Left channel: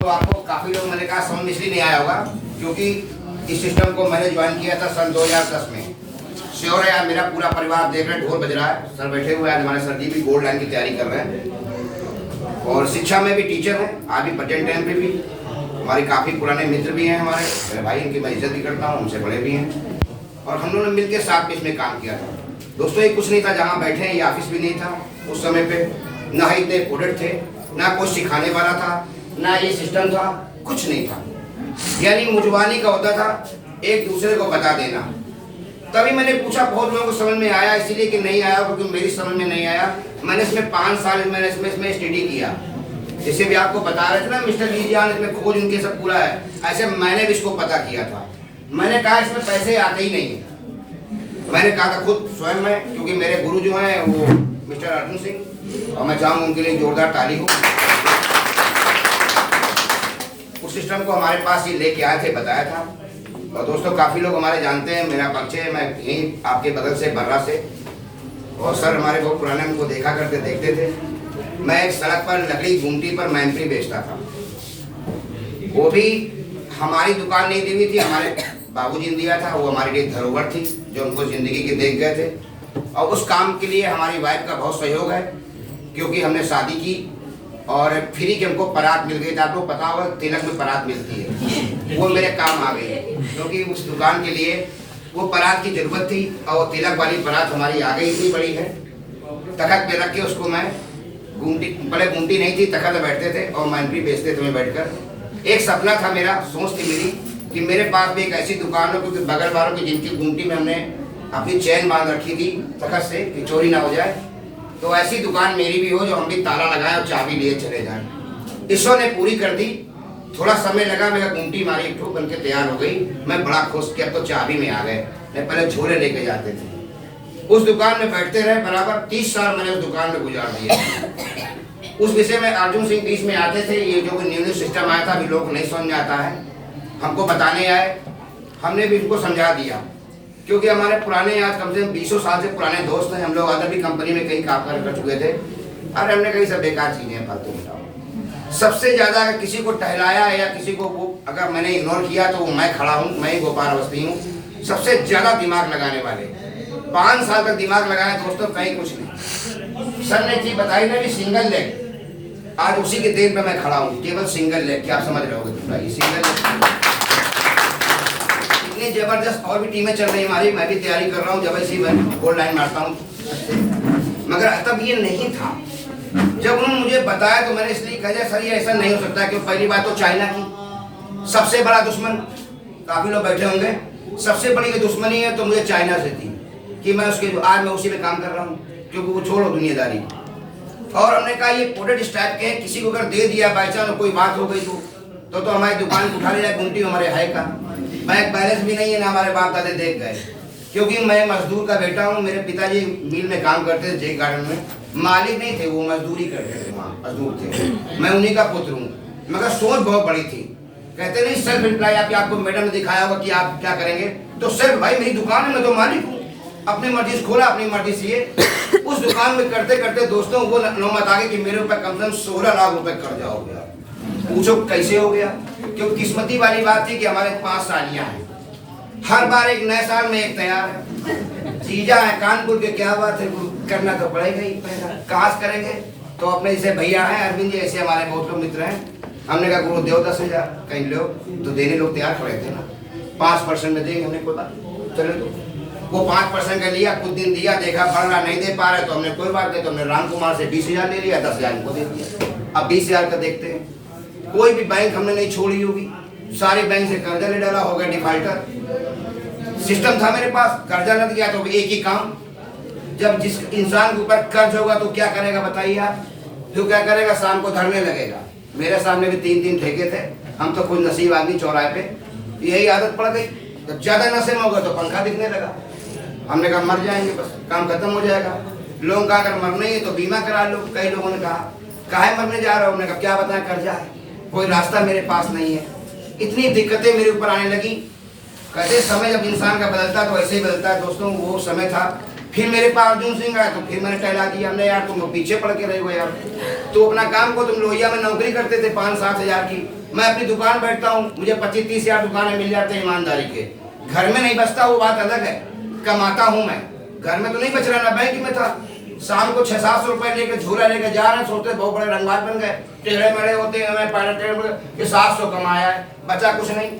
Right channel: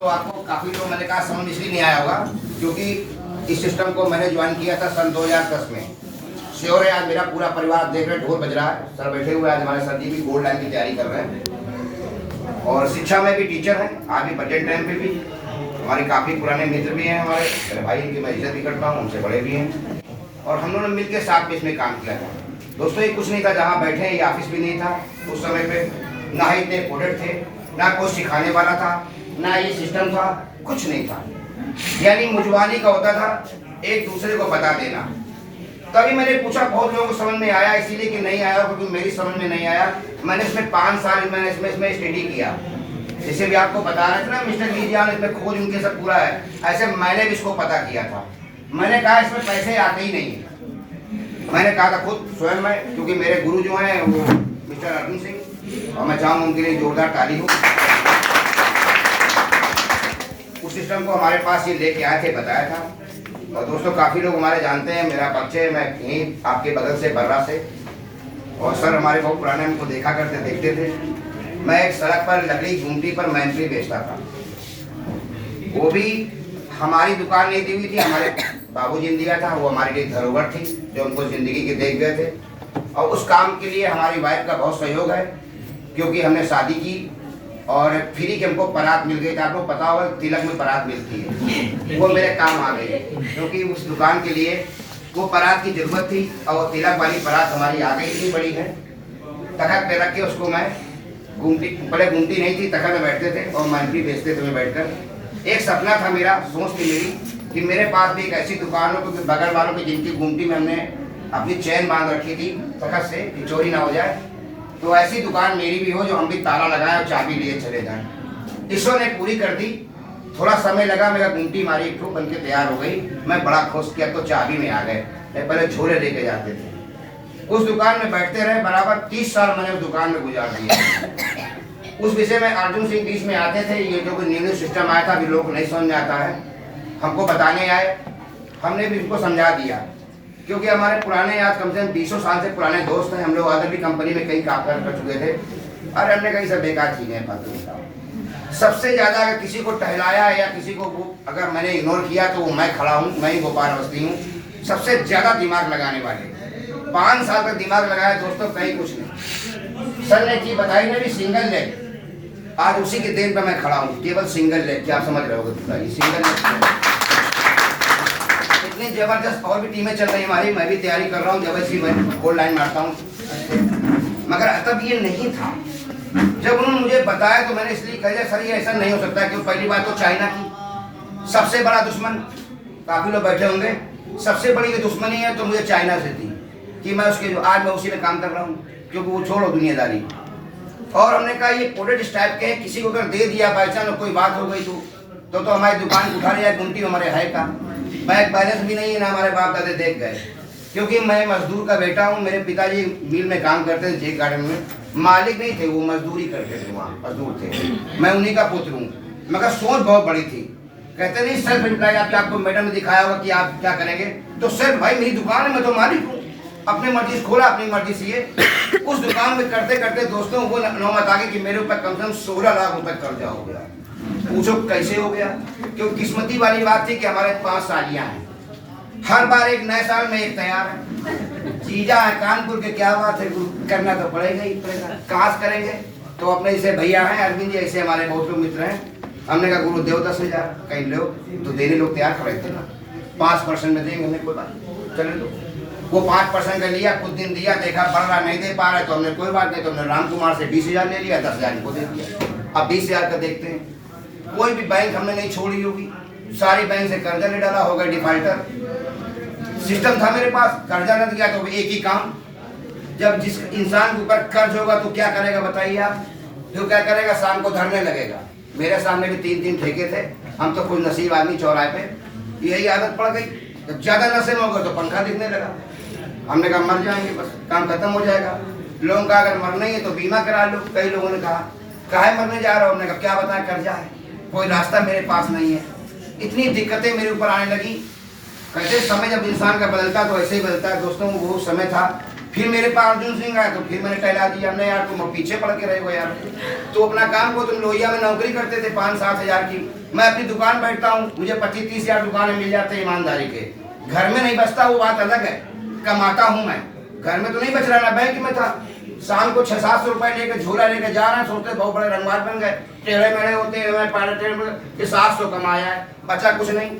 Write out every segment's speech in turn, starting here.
तो आपको काफ़ी लोग मैंने कहा समझ इसलिए नहीं आया होगा क्योंकि इस सिस्टम को मैंने ज्वाइन किया था सन 2010 में। श्योर है यार, मेरा पूरा परिवार देख रहे ढोल बज रहा है। सर बैठे हुए आज हमारे सर जी भी गोल्ड लाइन की तैयारी कर रहे हैं और शिक्षा में भी टीचर हैं। आज भी बटेन टाइम पे भी हमारे काफ़ी पुराने मित्र भी हैं। हमारे मेरे भाई, इनकी मैं इज्जत भी करता हूँ, उनसे बड़े भी हैं और हम लोगों ने मिलकर साथ में इसमें काम किया था। दोस्तों ये कुछ नहीं था, जहाँ बैठे हैं ये ऑफिस भी नहीं था उस समय पे, ना ही इतने प्रोडक्ट थे, ना कोई सिखाने वाला था, ना ये सिस्टम था, कुछ नहीं था। यानी मुजवानी का होता था एक दूसरे को बता देना। तभी मैंने पूछा, बहुत लोगों को समझ में आया, इसीलिए कि नहीं आया क्योंकि मेरी समझ में नहीं आया। मैंने इसमें 5 साल मैंने इसमें स्टडी किया। जैसे भी आपको बता रहे थे ना मिस्टर लीजियान, इसमें खोज इनके सब पूरा है, ऐसे मैंने भी इसको पता किया था। मैंने कहा इसमें पैसे आते ही नहीं। मैंने कहा था खुद स्वयं में, क्योंकि मेरे गुरु जो हैं वो मिस्टर अर्जुन सिंह, और मैं चाहूँगा उनके लिए जोरदार ताली हो। उस सिस्टम को हमारे पास ये लेके आए थे, बताया था। और दोस्तों काफ़ी लोग हमारे जानते हैं, मेरा परिचय मैं यहीं आपके बगल से बर्रा से, और सर हमारे बहुत पुराने उनको देखा करते देखते थे। मैं एक सड़क पर लकड़ी गुमटी पर मैंपरी बेचता था। वो भी हमारी दुकान नहीं दी हुई थी, हमारे बाबूजी ने दिया था। वो हमारे लिए धरोहर थी जो उनको ज़िंदगी के देख गए थे। और उस काम के लिए हमारी वाइफ का बहुत सहयोग है, क्योंकि हमने शादी की और फ्री के हमको परात मिल गई थी। आपको पता होगा तिलक में परात मिलती है, वो मेरे काम आ गई क्योंकि उस दुकान के लिए वो परात की जरूरत थी और तिलक वाली परात हमारी आ गई थी बड़ी है। तखत पे रख के उसको मैं गुमटी, बड़े गुमटी नहीं थी, तखत में बैठते थे और मैंपरी बेचते थे मैं बैठकर। एक सपना था मेरा, सोच थी मेरी कि मेरे पास भी एक ऐसी दुकान हो, क्योंकि बगल वालों की जिनकी गुमटी में हमने अपनी चैन बांध रखी थी तखत से कि चोरी ना हो जाए, तो ऐसी दुकान मेरी भी हो जो हम भी ताला लगाए और चाबी लिए चले जाए। ईश्वर ने पूरी कर दी। थोड़ा समय लगा, मेरा गुमटी मारी एक ठो बन के तैयार हो गई। मैं बड़ा खुश किया तो चाबी में आ गए। मैं पहले झोले लेके जाते थे, उस दुकान में बैठते रहे। बराबर 30 साल मैंने उस दुकान में गुजार दिए। उस विषय में अर्जुन सिंह बीच में आते थे। ये जो न्यू सिस्टम आया था अभी लोग नहीं समझ आता है, हमको बताने आए, हमने भी उनको समझा दिया, क्योंकि हमारे पुराने आज कम से कम 20 साल से पुराने दोस्त हैं। हम लोग अदर भी कंपनी में कई काम कर चुके थे और हमने कई सब बेकार चीजें फालतू। सबसे ज्यादा अगर किसी को टहलाया या किसी को वो अगर मैंने इग्नोर किया तो मैं खड़ा हूँ, मैं ही गोपाल अवस्थी हूँ। सबसे ज्यादा दिमाग लगाने वाले 5 साल तक दिमाग लगाया दोस्तों, कहीं कुछ नहीं। सर ने चीज बताई ना भी सिंगल लेग, आज उसी के देन पे मैं खड़ा हूँ, केवल सिंगल लेग। क्या आप समझ रहे हो सिंगल लेग? इतनी जबरदस्त और भी टीमें चल रही है हमारी, मैं भी तैयारी कर रहा हूँ, जब ऐसी मैं गोल्ड लाइन मारता हूँ। मगर तब ये नहीं था। जब उन्होंने मुझे बताया तो मैंने इसलिए कहा सर ये ऐसा नहीं हो सकता, क्योंकि पहली बात तो चाइना की सबसे बड़ा दुश्मन, काफी लोग बैठे होंगे, सबसे बड़ी दुश्मनी है तो मुझे चाइना से थी कि मैं उसके आज मैं उसी में काम कर रहा हूँ, क्योंकि वो छोड़ो दुनियादारी। और हमने कहा ये प्रोडक्ट इस टाइप के किसी को अगर दे दिया बाई चांस कोई बात हो गई तो हमारी दुकान उठा लिया। गुमटी हमारे है का बैंक बैलेंस भी नहीं है, ना हमारे बाप दादे देख गए, क्योंकि मैं मजदूर का बेटा हूँ। मेरे पिताजी मिल में काम करते थे, जे गार्डन में, मालिक नहीं थे, वो मजदूरी करते थे, वहाँ मजदूर थे। मैं उन्हीं का पुत्र हूँ, मगर सोच बहुत बड़ी थी। कहते नहीं सेल्फ एम्प्लॉय, आपको मैडम ने दिखाया होगा कि आप क्या करेंगे, तो सेल्फ भाई मेरी दुकान है, मैं तो मालिक हूँ, अपनी मर्जी से खोला, अपनी मर्जी से ये उस दुकान में करते करते दोस्तों वो नौबत आ गई कि मेरे ऊपर कम से कम 16 लाख रुपए कर्जा हो गया। पूछो कैसे हो गया? क्योंकि किस्मती वाली बात थी कि हमारे 5 सालियां हैं, हर बार एक नए साल में एक तैयार है। जीजा है कानपुर के, क्या बात है, करना तो पड़ेगा ही पड़ेगा। कहाँ से करेंगे? तो अपने जैसे भैया हैं अरविंद जी, ऐसे हमारे बहुत लोग मित्र हैं। हमने कहा गुरु देव 10,000 कहीं लो, तो देने लोग तैयार खड़े थे ना, 5% में देंगे। हमने कोई बात चले लो, वो 5% का लिया, कुछ दिन दिया, देखा बढ़ रहा, नहीं दे पा रहे तो हमने कोई बात नहीं, तो हमने राम कुमार से 20,000 ले लिया, 10,000 को दे दिया। अब 20,000 का देखते हैं। कोई भी बैंक हमने नहीं छोड़ी होगी, सारे बैंक से कर्जा ले डाला, हो गए डिफाल्टर। सिस्टम था मेरे पास, कर्जा न दिया तो एक ही काम, जब जिस इंसान के ऊपर कर्ज होगा तो क्या करेगा बताइए आप? जो क्या करेगा, शाम को धरने लगेगा। मेरे सामने भी 3 ठेके थे, हम तो कुछ नसीब आदमी चौराहे पे, यही आदत पड़ गई। जब ज्यादा नशे में होगा तो पंखा दिखने लगा। हमने कहा मर जाएंगे, बस काम खत्म हो जाएगा। लोगों का अगर मरना ही है तो बीमा करा लो। कई लोगों ने कहा काहे मरने जा रहा हूँ? हमने कहा क्या बताएं, कर्जा है, कोई रास्ता मेरे पास नहीं है। इतनी दिक्कतें मेरे ऊपर आने लगी। कहते समय जब इंसान का बदलता तो ऐसे ही बदलता है दोस्तों। वो समय था, फिर मेरे पास अर्जुन सिंह आया तो फिर मैंने टहला दिया। हमने यार तुम पीछे पड़ के रहे हो यार, तो अपना काम को, तुम लोहिया में नौकरी करते थे 5-7 हज़ार की, मैं अपनी दुकान बैठता हूँ, मुझे 25-30 हजार दुकानें मिल जाते हैं ईमानदारी के। घर में नहीं बचता, वो बात अलग है, कमाता हूँ मैं, घर में तो नहीं बच रहा ना, बैंक में था। शाम को 600-700 रुपए लेकर झोला लेकर जा रहा है, सोचते बहुत बड़े रंगबाज बन गए, टेढ़े मेढ़े होते हैं, मैं 700 कमाया है, बचा कुछ नहीं।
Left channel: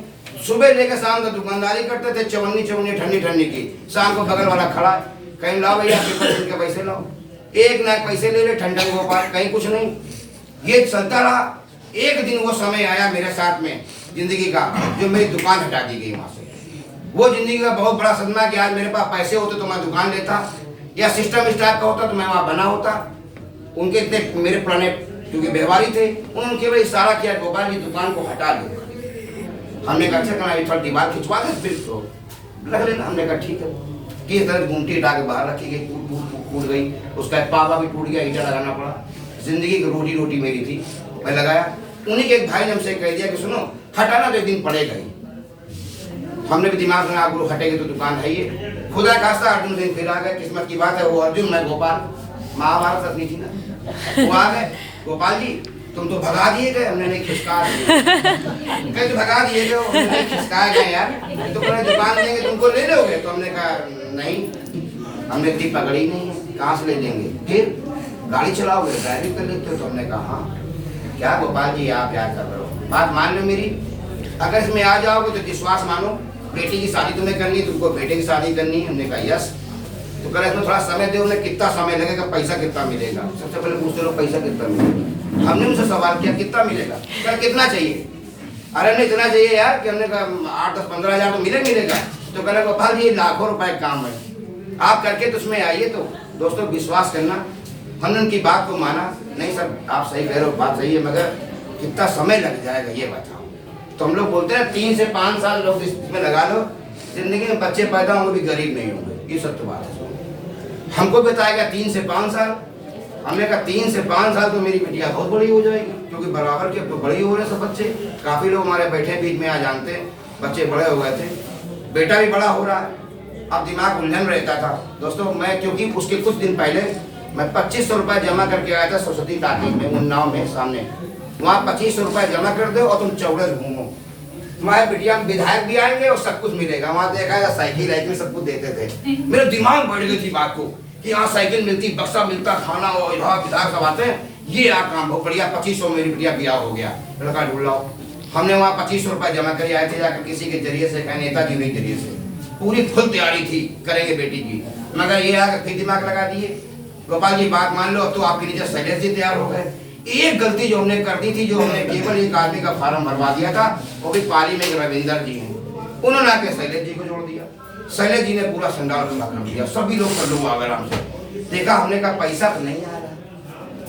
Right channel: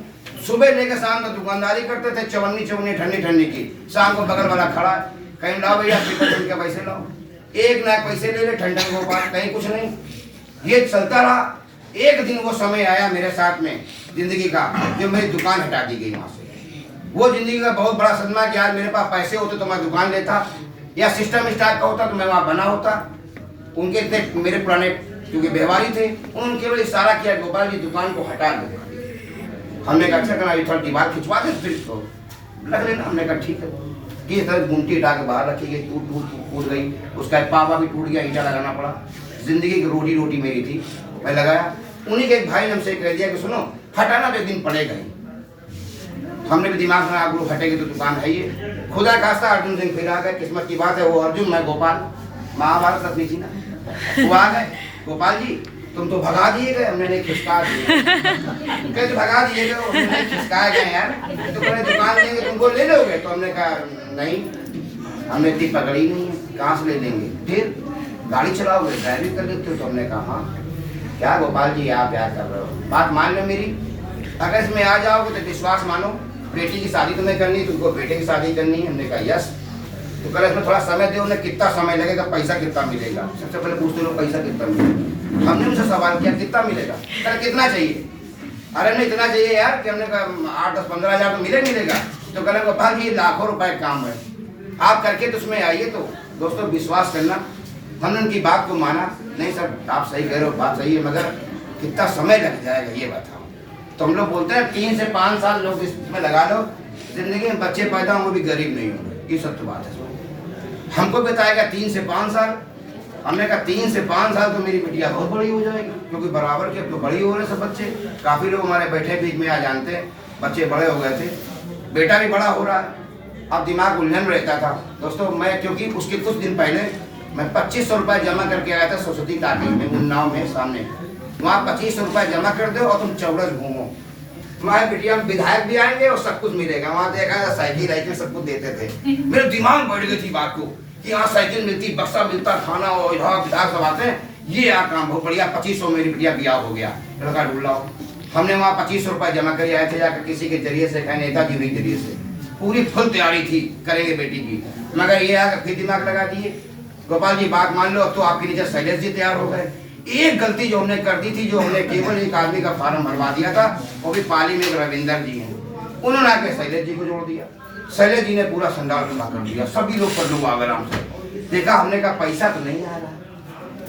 सुबह लेकर शाम तक दुकानदारी करते थे, चवन्नी ठंडी ठंडी की। शाम को बगल वाला खड़ा है, कहीं लाओ भैया पेपर के पैसे लाओ, एक ना पैसे ले ले, ठंडन गोपाल, कहीं कुछ नहीं। ये चलता रहा। एक दिन वो समय आया मेरे साथ में जिंदगी का, जो मेरी दुकान हटा दी गई वहां से। वो जिंदगी का बहुत बड़ा सदमा कि यार मेरे पास पैसे होते तो मैं दुकान लेता, या सिस्टम इस टाइप का होता तो मैं वहां बना होता। उनके इतने मेरे पुराने क्योंकि व्यवहारी थे, उन्होंने केवल इशारा किया, गोपाल जी दुकान को हटा लो। हमने कहा अच्छा करना, थोड़ा दीवार खिंचवा दे फिर तो लग लेना। हमने कहा ठीक है। किस तरह गुमटी हटा के बाहर रखी गई, टूट गई, उसका पावा भी टूट गया, ईटा लगाना पड़ा। जिंदगी की रोटी मेरी थी, मैं लगाया। उन्हीं के एक भाई ने हमसे कह दिया कि सुनो हटाना तो दिन पड़ेगा ही। हमने भी दिमाग में आप लोग हटेंगे तो दुकान है ही। खुदा खास्ता अर्जुन सिंह फिर आ गए, किस्मत की बात है, वो अर्जुन मैं गोपाल, महाभारत अपनी थी ना, वो आ गए। गोपाल जी तुम तो भगा दिए गए। हमने नहीं, खिसका दिए। कहे तो भगा दिए गए, खिसकाए गए यार, तो पूरे दुकान देंगे तुमको ले लोगे? तो हमने कहा नहीं, हमने इतनी पकड़ी नहीं है, कहाँ से ले लेंगे? फिर गाड़ी चलाओगे, ड्राइविंग कर लेते हो? तो हमने कहा हाँ। क्या गोपाल जी आप क्या कर रहे हो, बात मान लो मेरी, अगर इसमें आ जाओगे तो विश्वास मानो, बेटी की शादी तुम्हें करनी, तुमको बेटे की शादी करनी। हमने कहा यस। तो कल इसमें थोड़ा समय दो। कितना समय लगेगा, पैसा कितना मिलेगा? सबसे पहले पूछते लोग पैसा कितना मिलेगा। हमने उनसे सवाल किया कितना मिलेगा, कल कितना चाहिए? अरे नहीं इतना चाहिए यार कि हमने कहा 8-10-15 हजार तो मिलेगा। तो कहना गोपाल जी लाखों रुपए काम है, आप करके तो उसमें आइए। तो दोस्तों विश्वास करना, हमने उनकी बात को माना। नहीं सर आप सही कह रहे हो, बात सही है, मगर कितना समय लग जाएगा ये बताओ। तो हम लोग बोलते हैं 3 से 5 साल लोग इसमें लगा लो, जिंदगी में बच्चे पैदा होंगे भी गरीब नहीं होंगे, ये सत्य बात है। हमको बताएगा 3 से 5 साल। हमने कहा 3 से 5 साल तो मेरी बिटिया बहुत बड़ी हो जाएगी, क्योंकि बराबर के अब तो बड़ी हो रहे सब बच्चे। काफी लोग हमारे बैठे बीच में आ जानते हैं, बच्चे बड़े हो गए थे, बेटा भी बड़ा हो रहा है। अब दिमाग उलझन रहता था दोस्तों। मैं क्योंकि उसके कुछ दिन पहले मैं 2500 रुपये जमा करके आया था सरस्वती टाकी में, उन्नाव में सामने। वहाँ 2500 रुपये जमा कर दो और तुम चौड़स घूमो, तुम्हारे बिटिया में विधायक भी आएंगे और सब कुछ मिलेगा। वहाँ देखा था साइकिल सब कुछ देते थे। मेरे दिमाग बढ़ गई थी बात को कि यहाँ साइकिल मिलती, बक्सा मिलता, खाना और विधायक सब आते हैं, ये आ काम बहुत बढ़िया। 2500 मेरी बिटिया ब्याह हो गया। लड़का ढूंढाओ। हमने वहाँ 2500 रुपये जमा कर आए थे जाकर किसी के जरिए से, नेताजी के जरिए से। पूरी फुल तैयारी थी करेंगे बेटी की, मगर ये आकर फिर दिमाग लगा दिए। गोपाल जी बात मान लो, तो आपके नीचे शैलेश जी तैयार हो गए। एक गलती जो हमने कर दी थी, जो हमने केवल एक आदमी का फार्म भरवा दिया था, वो भी पाली में रविंदर जी हैं, उन्होंने आके शैलेश जी को जोड़ दिया। शैलेश जी ने पूरा संडाल खड़ा कर दिया, सभी लोग कर लो आराम से। देखा, हमने कहा पैसा तो नहीं आ रहा,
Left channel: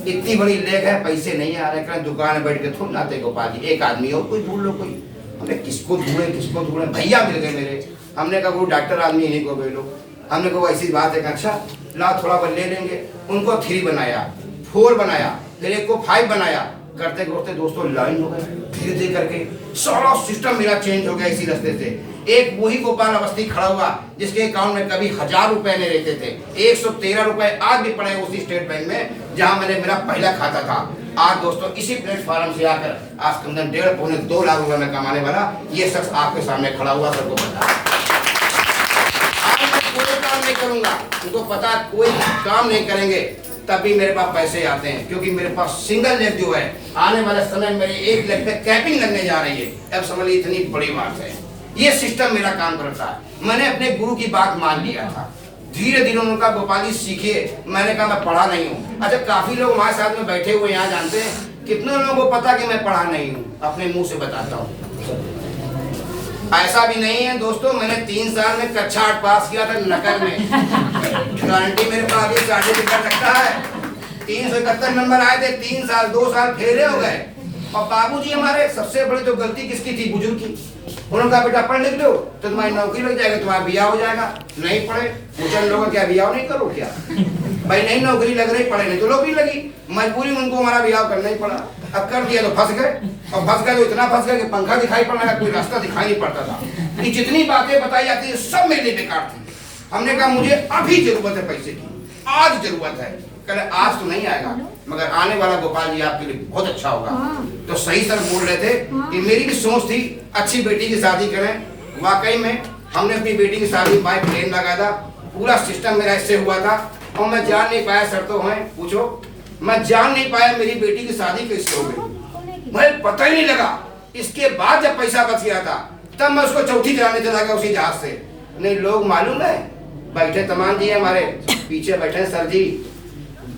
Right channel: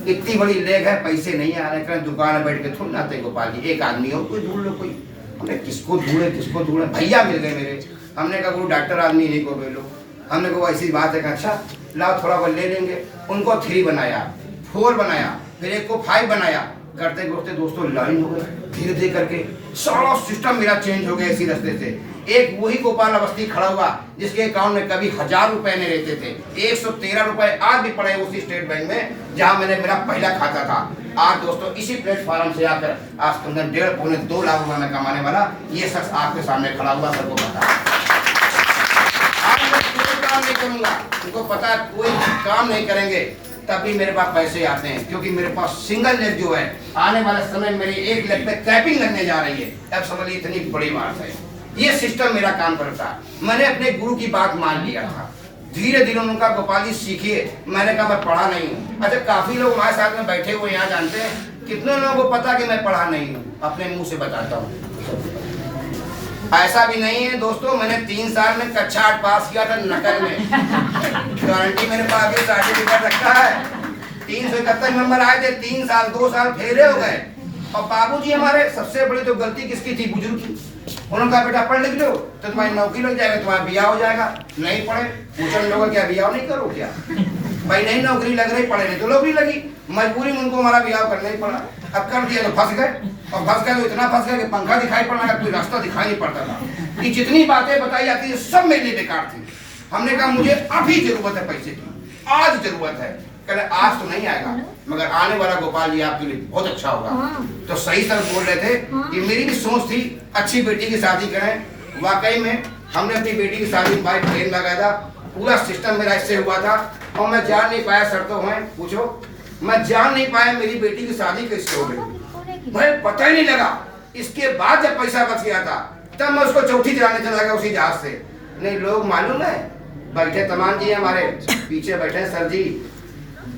इतनी बड़ी लेग है, पैसे नहीं आ रहे। कहीं दुकान में बैठ के थोड़ी नाते गोपाल जी, एक आदमी हो कोई ढूंढ लो कोई। हमने किसको ढूंढे, भैया मिल गए मेरे। हमने कहा वो डॉक्टर आदमी इन्हीं को ले लो। हमने कहा ऐसी बात है, अच्छा लाओ थोड़ा बहुत ले लेंगे। उनको 3 बनाया, 4 बनाया, फिर एक को 5 बनाया। करते करते दोस्तों लाइन हो गए, धीरे धीरे करके सारा सिस्टम मेरा चेंज हो गया इसी रास्ते से। एक वही गोपाल अवस्थी खड़ा हुआ जिसके अकाउंट में कभी 1000 रुपए नहीं रहते थे, 113 रुपए आज भी पड़े उसी स्टेट बैंक में जहां मैंने मेरा पहला खाता था। आज दोस्तों इसी प्लेटफॉर्म से आकर आज करीबन 1.5-2 लाख रुपए में कमाने वाला ये शख्स आपके सामने खड़ा हुआ, सबको पता है। कोई काम नहीं करूंगा, उनको पता है कोई काम नहीं करेंगे, तभी मेरे पास पैसे आते हैं। क्योंकि मेरे पास सिंगल लेग जो है, आने वाले समय मेरी एक लेग पे कैपिंग लगने जा रही है। अब समझ लीजिए इतनी बड़ी बात है, ये सिस्टम मेरा काम करता है। मैंने अपने गुरु की बात मान लिया था, धीरे धीरे उन्होंने कहा गोपाल जी सीखिए। मैंने कहा मैं पढ़ा नहीं हूँ। अच्छा काफी लोग हमारे साथ में बैठे हुए यहाँ जानते हैं, कितने लोगों को पता कि मैं पढ़ा नहीं हूँ, अपने मुंह से बताता हूँ। ऐसा भी नहीं है दोस्तों, मैंने 3 साल में कक्षा 8 पास किया था नकल में, गारंटी मेरे पास ये सर्टिफिकेट रखा है। 371 नंबर आए थे, 3 साल 2 साल फेले हो गए। और बाबूजी हमारे सबसे बड़ी तो गलती किसकी थी, बुजुर्ग की। उन्होंने कहा बेटा पढ़ लिख दो तो तुम्हारी नौकरी लग जाएगा, तुम्हारा ब्याह हो जाएगा। नहीं पढ़े, पूछा लोगों क्या ब्याह नहीं करो क्या? भाई नहीं नौकरी लग रही, पढ़े नहीं तो नौकरी लगी, मजबूरी में उनको हमारा ब्याह करना ही पड़ा। अब कर दिया तो फंस गए, और फंस गए तो इतना फंस गए कि पंखा दिखाई पड़ना है, कोई रास्ता दिखाई नहीं पड़ता था। कि जितनी बातें बताई जाती है सब मेरे लिए बेकार थी। हमने कहा मुझे अभी जरूरत है पैसे की, आज जरूरत है। कल आज तो नहीं आएगा मगर आने वाला गोपाल जी आपके लिए बहुत अच्छा होगा। तो सही सर बोल रहे थे कि मेरी भी सोच थी अच्छी बेटी की शादी करें। वाकई में हमने अपनी बेटी की शादी बाय प्लेन लगाया था, पूरा सिस्टम मेरा इससे हुआ था और मैं जान नहीं पाया। सर तो हैं पूछो, मैं जान नहीं पाया मेरी बेटी की शादी कैसे हो गई, भाई पता ही नहीं लगा। इसके बाद जब पैसा बच गया था तब मैं उसको चौथी चलाने चला गया उसी जहाज से। नहीं लोग मालूम है बैठे तमाम जी हमारे पीछे बैठे सर जी,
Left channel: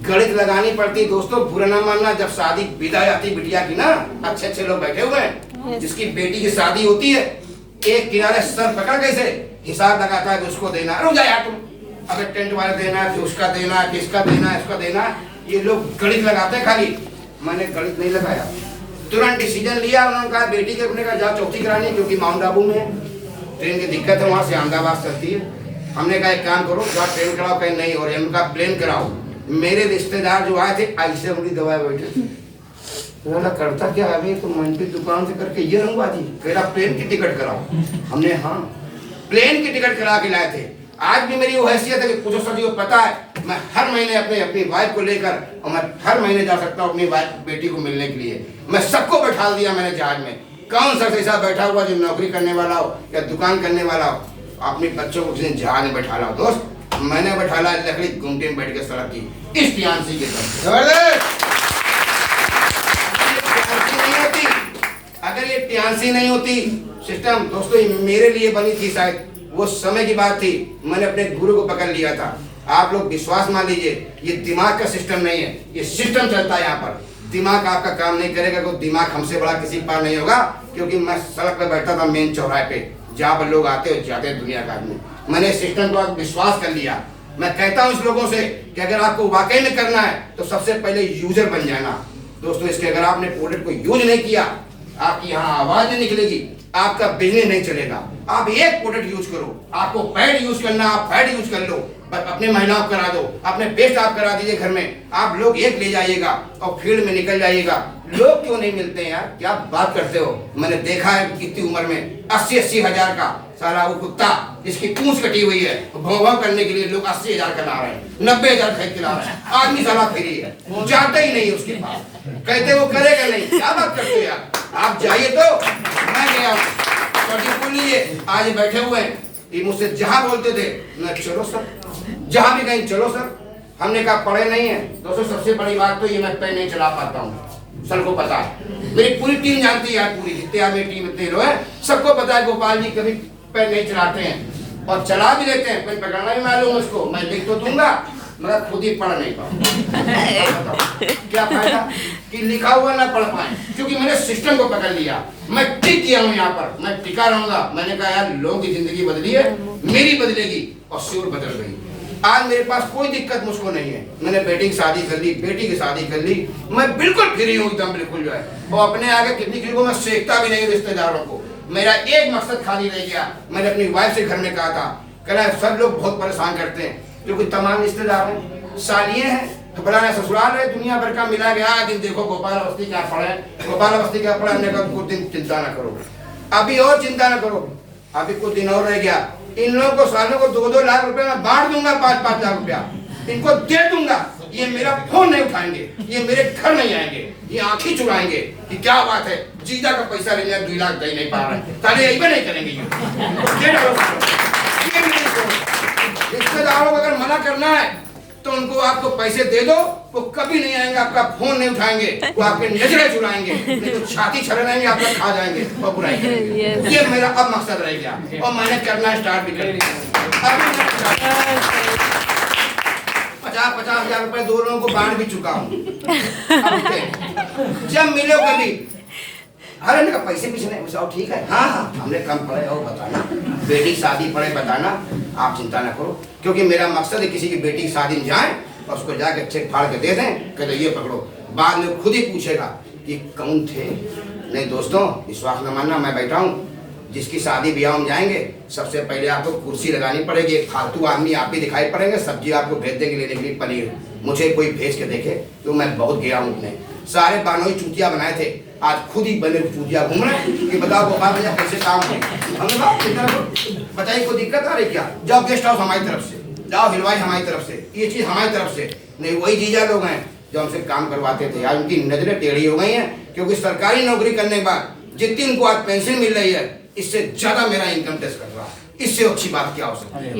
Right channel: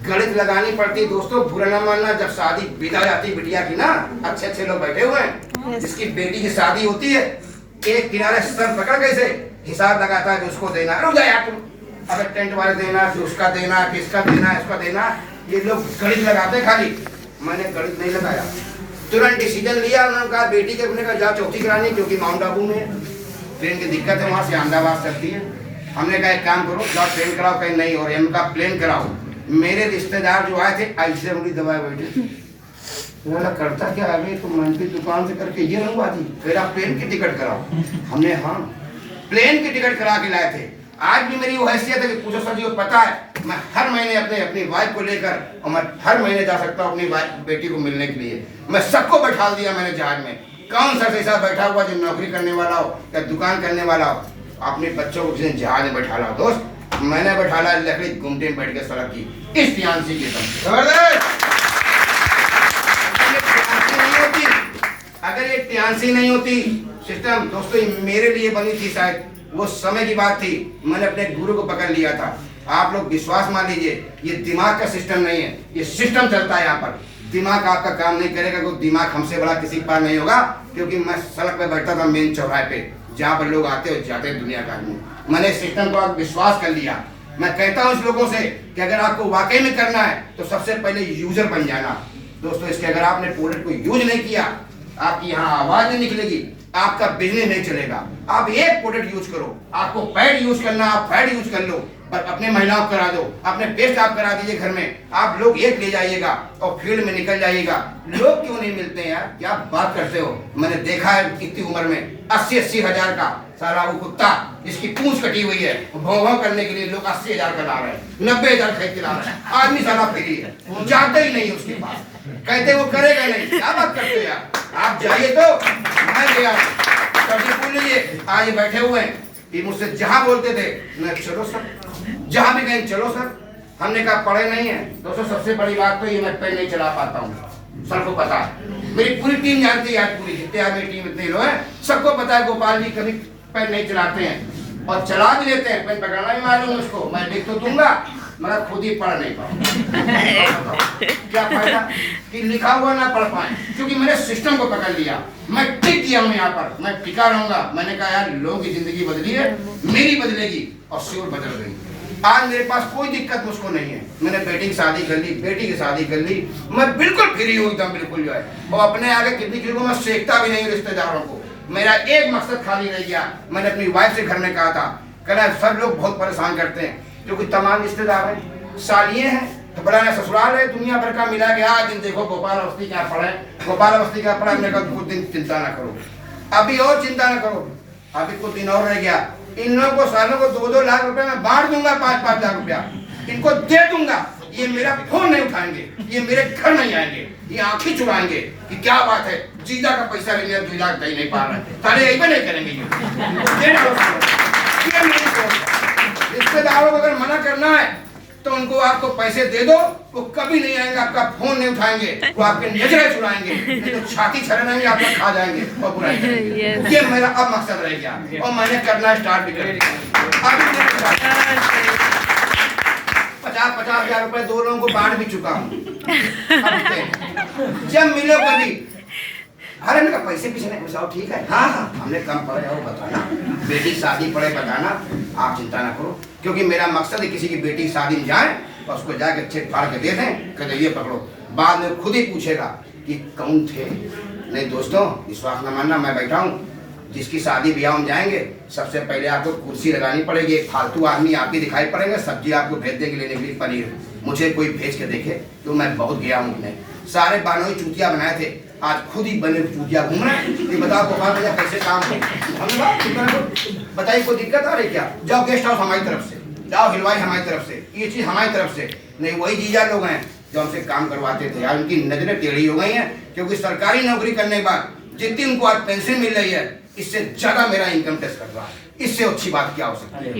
गणित लगानी पड़ती दोस्तों, बुरा ना मानना। जब शादी विदा जाती बिटिया की ना, अच्छे अच्छे लोग बैठे हुए हैं, जिसकी बेटी की शादी होती है एक किनारे सर पकड़ कैसे हिसाब लगाता है कि उसको देना, रुक जा यार तुम, अगर टेंट वाले देना कि उसका देना किसका देना इसका देना, ये लोग गणित लगाते खाली। मैंने गणित नहीं लगाया, तुरंत डिसीजन लिया। उन्होंने कहा बेटी के अपने का जा चौथी करानी, क्योंकि माउंट आबू में है, ट्रेन की दिक्कत है, वहाँ से अहमदाबाद चलती है। हमने कहा एक काम करो जा ट्रेन कराओ, कहीं नहीं और उनका प्लेन कराओ। मेरे रिश्तेदार जो आए थे ऐसे उनकी दवाई बैठे करता क्या है तो मन की दुकान से करके ये रंगबाजी, मेरा प्लेन की टिकट कराओ। हमने हाँ प्लेन की टिकट करा के लाए थे। आज भी मेरी वो हैसियत है कि पूछो सर जी को पता है मैं हर महीने अपनी वाइफ को लेकर और मैं हर महीने जा सकता हूँ अपनी बेटी को मिलने के लिए। मैं सबको बैठा दिया मैंने जहाज में। कौन सा ऐसा बैठा हुआ जो नौकरी करने वाला हो या दुकान करने वाला हो अपने बच्चों को किसी जहाज में बैठा लाओ। दोस्त मैंने बैठा ला लकड़ी घूमते में बैठ के सड़क की इस टियांसी के साथ। अगर ये टियांसी नहीं होती सिस्टम दोस्तों मेरे लिए बनी थी, शायद वो समय की बात थी, मैंने अपने गुरु को पकड़ लिया था। आप लोग विश्वास मान लीजिए ये दिमाग का सिस्टम नहीं है, ये सिस्टम चलता है यहाँ पर। दिमाग आपका काम नहीं करेगा, कोई दिमाग हमसे बड़ा किसी के पास नहीं होगा। क्योंकि मैं सड़क पे बैठता था मेन चौराहे पे जहाँ पर लोग आते हो जाते हैं दुनिया का आदमी, मैंने सिस्टम को आप विश्वास कर लिया। मैं कहता हूँ इस लोगों से कि अगर आपको वाकई में करना है तो सबसे पहले यूजर बन जाना। दोस्तों इसके अगर आपने प्रोडक्ट को यूज नहीं किया आपकी यहाँ आवाज नहीं निकलेगी, आपका बिजनेस नहीं चलेगा। आप एक प्रोडक्ट यूज करो, आपको पैड यूज करना आप पैड यूज कर लो, पर अपने महिलाओं को करा दो, अपने बेस्ट आप करा दीजिए घर में, आप लोग एक ले जाइएगा और फील्ड में निकल जाइएगा। लोग क्यों नहीं मिलते हैं यार, क्या बात करते हो। मैंने देखा है इतनी उम्र में 80-80 हजार का सारा वो कुत्ता जिसकी पूंछ कटी हुई है भौं करने के लिए लोग 80 हजार का ला रहे हैं, 90 हजार खरीद के ला रहे हैं। आदमी सारा फ्री है, जाते ही नहीं उसके पास, कहते वो करेगा नहीं। क्या बात करते हो यार, आप जाइए तो मैं गया आज बैठे हुए हैं, ये मुझसे जहां बोलते थे मैं चलो सर, जहां भी कहीं चलो सर। हमने कहा पढ़े नहीं है दोस्तों, सबसे बड़ी बात तो ये मैं पैर नहीं चला पाता हूँ, सबको पता है, मेरी पूरी टीम जानती है, पूरी जितने मेरी टीम इतने लोग हैं सबको पता है गोपाल जी कभी पैर नहीं चलाते हैं और चला भी लेते हैं, पेन पकड़ना भी मालूम उसको। मैं लिख तो दूंगा मगर खुद ही पढ़ नहीं पाऊँ। क्या फायदा कि लिखा हुआ ना पढ़ पाए, क्योंकि मैंने सिस्टम को पकड़ लिया, मैं टिक किया हूँ यहाँ पर, मैं टिका रहूंगा। मैंने कहा यार लोगों की जिंदगी बदली है, मेरी बदलेगी और श्योर बदल गई। आज मेरे पास कोई दिक्कत मुझको नहीं है, मैंने बेटी की शादी कर ली, बेटी की शादी कर ली, मैं बिल्कुल फ्री हूँ एकदम बिल्कुल जो है। और अपने आगे किसी को मैं सेकता भी नहीं रिश्तेदारों को। मेरा एक मकसद खाली रह गया, मैंने अपनी वाइफ से घर में कहा था, कहना सब लोग बहुत परेशान करते हैं क्योंकि तमाम रिश्तेदार हैं, सालिये हैं, तो बड़ा ससुराल है, दुनिया भर का मिला गया। दिन देखो गोपाल अवस्थी क्या पढ़े, गोपाल अवस्थी क्या पढ़ा, मैंने कहा कुछ दिन चिंता ना करो, अभी और चिंता ना करो, अभी कुछ दिन और रह गया। इन लोगों को सालों को 2-2 लाख रुपए मैं बांट दूंगा, 5-5 लाख रुपया इनको दे दूंगा। ये मेरा फोन नहीं उठाएंगे, ये मेरे घर नहीं आएंगे, ये आंखें चुराएंगे कि क्या बात है जीजा का पैसा लेंगे 2 लाख दे नहीं पा रहे, ताले यही नहीं करेंगे। ये मेरी सोच। रिश्तेदारों को अगर मना करना है तो उनको आपको पैसे दे दो, वो कभी नहीं आएंगे, आपका फोन नहीं उठाएंगे, वो आपके नजरें चुराएंगे, नहीं तो छाती छड़ाएंगे, आपको खा जाएंगे और बुराई करेंगे। ये मेरा अब मकसद रह गया और मैंने करना स्टार्ट भी कर दिया। अभी 50-50 हजार रुपए 2 लोगों को बांट भी चुका हूँ। जब मिलो कभी अरे मेरा पैसे पीछे नहीं बचाओ, ठीक है हाँ हाँ हमने कम पढ़े और बताना, बेटी शादी पढ़े बताना, आप चिंता ना करो। क्योंकि मेरा मकसद है किसी की बेटी की शादी में जाए और उसको जाके चेक फाड़ के दे दें, कहते ये पकड़ो, बाद में खुद ही पूछेगा कि कौन थे। नहीं दोस्तों विश्वास न मानना, मैं बैठा हूँ, जिसकी शादी ब्याह में जाएंगे सबसे पहले आपको कुर्सी लगानी पड़ेगी, एक फालतू आदमी आप ही दिखाई पड़ेंगे, सब्जी आपको भेज देंगे लेने के लिए पनीर, मुझे कोई भेज के देखे तो मैं बहुत गया हूँ अपने, सारे बानोई चूतिया बनाए थे, आज खुद ही बने चूतिया घूम रहे हैं कि बताओ गोपाल भैया कैसे काम करें। हमने कहा बताइए कोई दिक्कत आ रही क्या, जाओ गेस्ट हाउस हमारी तरफ से, जाओ हिलवाई हमारी तरफ से, ये चीज हमारी तरफ से। नहीं वही जीजा लोग हैं जो हमसे काम करवाते थे। आज उनकी नजरें टेढ़ी हो गई हैं, क्योंकि सरकारी नौकरी करने के बाद जितनी उनको आज पेंशन मिल रही है, इससे ज्यादा मेरा इनकम टैक्स कट रहा है। इससे अच्छी बात क्या हो सकती है?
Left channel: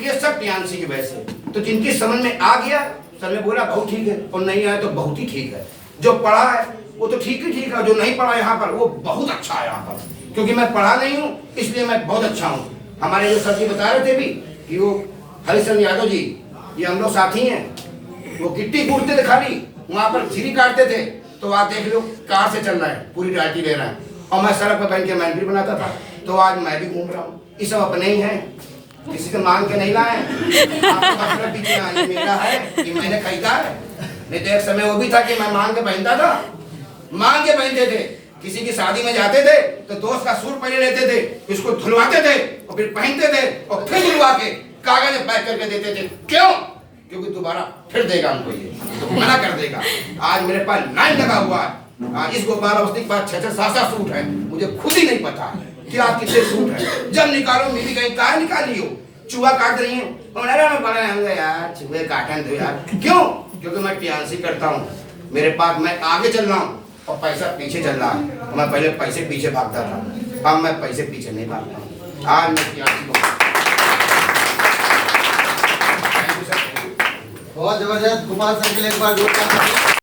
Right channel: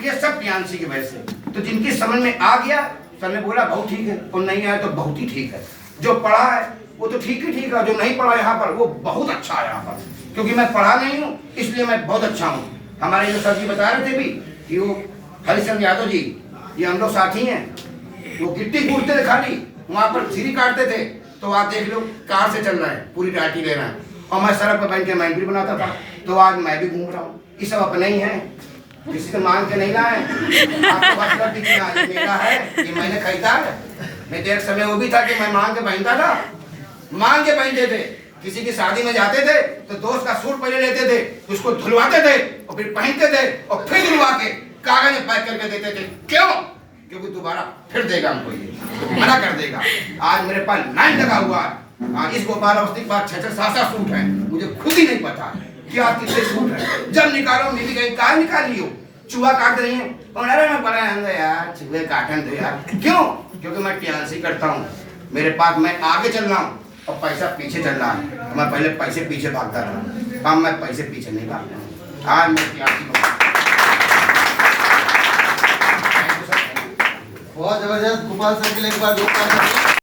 ये सब प्रियांशी की वजह से। तो जिनकी समझ में आ गया, सर ने बोला बहुत ठीक है, और नहीं आया तो बहुत ही ठीक है। जो पढ़ा है वो तो ठीक ही ठीक है, जो नहीं पढ़ा यहाँ पर वो बहुत अच्छा है यहाँ पर, क्योंकि मैं पढ़ा नहीं हूँ इसलिए मैं बहुत अच्छा हूँ। हमारे जो सर जी बता रहे थे भी कि वो हरिचंद यादव जी, ये हम लोग साथी हैं, वो गिट्टी कूटते थे खाली, वहाँ पर सीढ़ी काटते थे, तो आप देख लो कार से चल रहा है, पूरी टाटी ले रहा है, और मैं सड़क पर बैठ के मैगी बनाता था। तो आज मैं भी घूम रहा हूँ। ये सब अपने ही है, किसी से मांग के नहीं लाए। आपको पीछे मेरा है कि मैंने खरीदा है। नहीं तो एक समय वो भी था कि मैं मांग के पहनता था, मांग के पहनते थे। किसी की शादी में जाते थे तो दोस्त का सूट पहले लेते थे, उसको धुलवाते थे और फिर पहनते थे और फिर धुलवा के कागज में पैक करके देते थे। क्यों? क्योंकि दोबारा फिर देगा हमको, ये मना कर देगा। आज मेरे पास लाइन लगा हुआ है। आज इस गोपाल अवस्थी के पास 6-7 सूट है, मुझे खुद ही नहीं पता कि आप कितने सूट है। जब निकालो मिली गई, कहा निकाली हो, चूहा काट रही है, मैं बड़ा यार चूहे काटन दो यार। क्यों? क्योंकि मैं प्रियांशी करता हूँ, मेरे पास मैं आगे चल रहा हूँ और पैसा पीछे चल रहा है। मैं पहले पैसे पीछे भागता रहा, अब मैं पैसे पीछे नहीं भागता हूँ। आज मैं प्रियांशी बहुत जबरदस्त। गोपाल सर के लिए एक बार जोरदार